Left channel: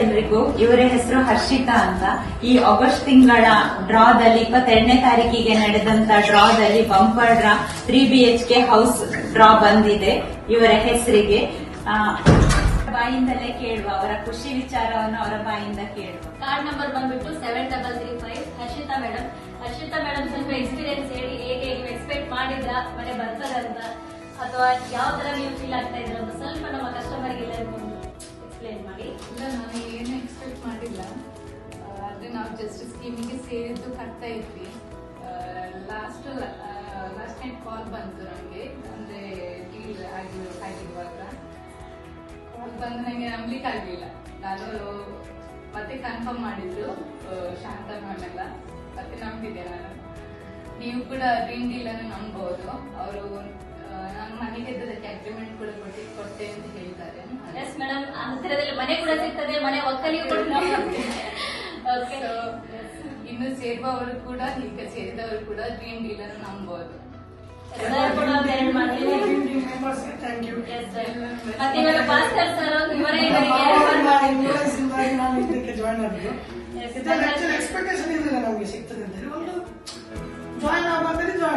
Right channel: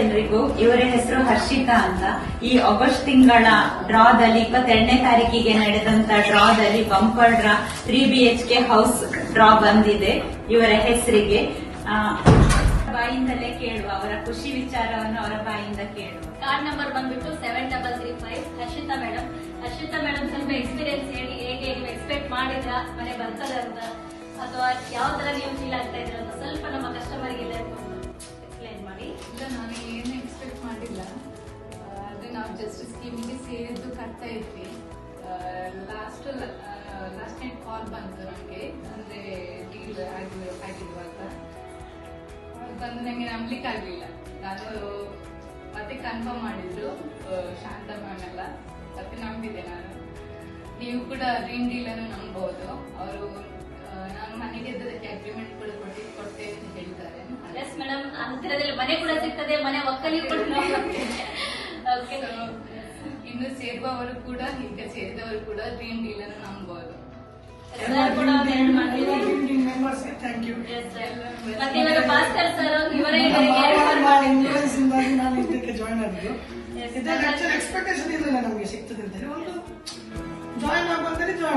ಎಲ್ರಿಗೂ. ಇವರ ಹೆಸರು ಹರ್ಷಿತಾ ಅಂತ. ಈ ಆಗಸ್ಟ್ ತಿಂಗಳ ಡ್ರಾದಲ್ಲಿ 22ನೇ ತಾರೀಕಿಗೆ ನಡೆದಂತ ಡ್ರಾದಲ್ಲಿ bumper draw 3 BHK house draw ಬಂದಿದೆ ಇವರ ಹೆಸರಿಗೆ. ಬಾಯಿಂದಲೇ ಕೇಳುವ, ಅವರ ಖುಷಿ ವಿಚಾರವನ್ನು ಅವರ ಬಾಯಿಂದ ಕೇಳುವ. ಕಾರ್ಡ್ ನಂಬರ್ ಬಂದ್ಬಿಟ್ಟು 7335. ಹರ್ಷಿತಾ ಮೇಡಮ್ ಸ್ವಲ್ಪ ಎಕ್ಸ್ಪೀರಿಯನ್ಸ್ ಹೇಳಿ, ಹೇಗೆ ನೀವು ಎಕ್ಸ್ಪೆಕ್ಟ್ ಮಾಡಿದ್ರ ಮನೆ ಬರ್ತದೆ ಅಂತ, ಅಥವಾ ಯಾವ ತರ ನೀವು ಫೀಲ್ ಆಗ್ತಾ ಇದ್ರ ಅಂತ ಸ್ವಲ್ಪ ನಮ್ಮ ಕಸ್ಟಮರ್ಗೆಲ್ಲ ಎಕ್ಸ್ಪ್ಲೈನ್ ಮಾಡಿ. ಇಲ್ಲ, ನಾನು ಏನು ಎಕ್ಸ್ಪೆಕ್ಟ್ ಮಾಡಿಲ್ಲ. ಆದ್ರೆ ನಾವು ಜಸ್ಟ್ ಸ್ಕೀಮಿಗೆ ಸೇರಿದ್ದು ಕಟ್ತಾ ಇದ್ವಿ. ಲಾಸ್ಟ್ ನೈಟ್ ಕಾಲ್ ಬಂತು ನಮಗೆ, ಅಂದ್ರೆ ಡೀಲ್ ಆಗಿರುವಾಗ ಕಾಲ್ ಬಂದು ನಂಗೆ ನಂಬ್ಲಿಕ್ಕೆ ಆಗ್ಲಿಲ್ಲ. ನಾನು ಮತ್ತೆ ಕನ್ಫರ್ಮ್ ಮಾಡಿದ್ರು ಶಾಂತ ಮ್ಯಾಮ್ ಎಲ್ಲ, ಮತ್ತೆ ನಂಬಿದೆ ನಾನು. ನೀವು ಕೂಡ ಡ್ರೀಮ್ ಡೀಲ್ ಅನ್ನು ನಂಬಬಹುದು. ಅವರು ನಾನು ಮನೆಗೆ ಅದಕ್ಕೆ ಅಗ್ರಿಮೆಂಟ್ ಕೂಡ ಕೊಟ್ಟೆ ಅಂತ ಹೇಳಿದ್ದಾರೆ. ಎಸ್ ಮೇಡಮ್, ಹತ್ತಿರದಲ್ಲಿ ಮನೆ ಕೂಡ ಸಿಗ್ತದೆ, ಮನೆ ಒಕ್ಕಲಿ ಕೂಡ ಇನ್ನು ಸೇರುವವರು ಕೂಡ, ಈಗ ಸೇರಿದವರು ಕೂಡ ಡ್ರೀಮ್ ಡೀಲ್ ಅನ್ನು ನಂಬಬಹುದು. ಮತ್ತೆ ಇವಾಗ ಭಾಸ್ಕರ್ ಸರ್ ಇವರೇ ನಾನು ಇದಕ್ಕೆ ಜಾಯ್ನ್ ಆಗಿದ್ದು. ಎಕ್ಸ್ಪೆಕ್ಟೇಷನ್ ಇರಲಿಲ್ಲ ನಮಗೆ ಸಿಗ್ತದೆ ಅಂತ ಹೇಳಿ. ಒಂದು ಜಾಯ್ನ್ ಆಗುವಂತಲ್ಲಿ ಜಾಯ್ನ್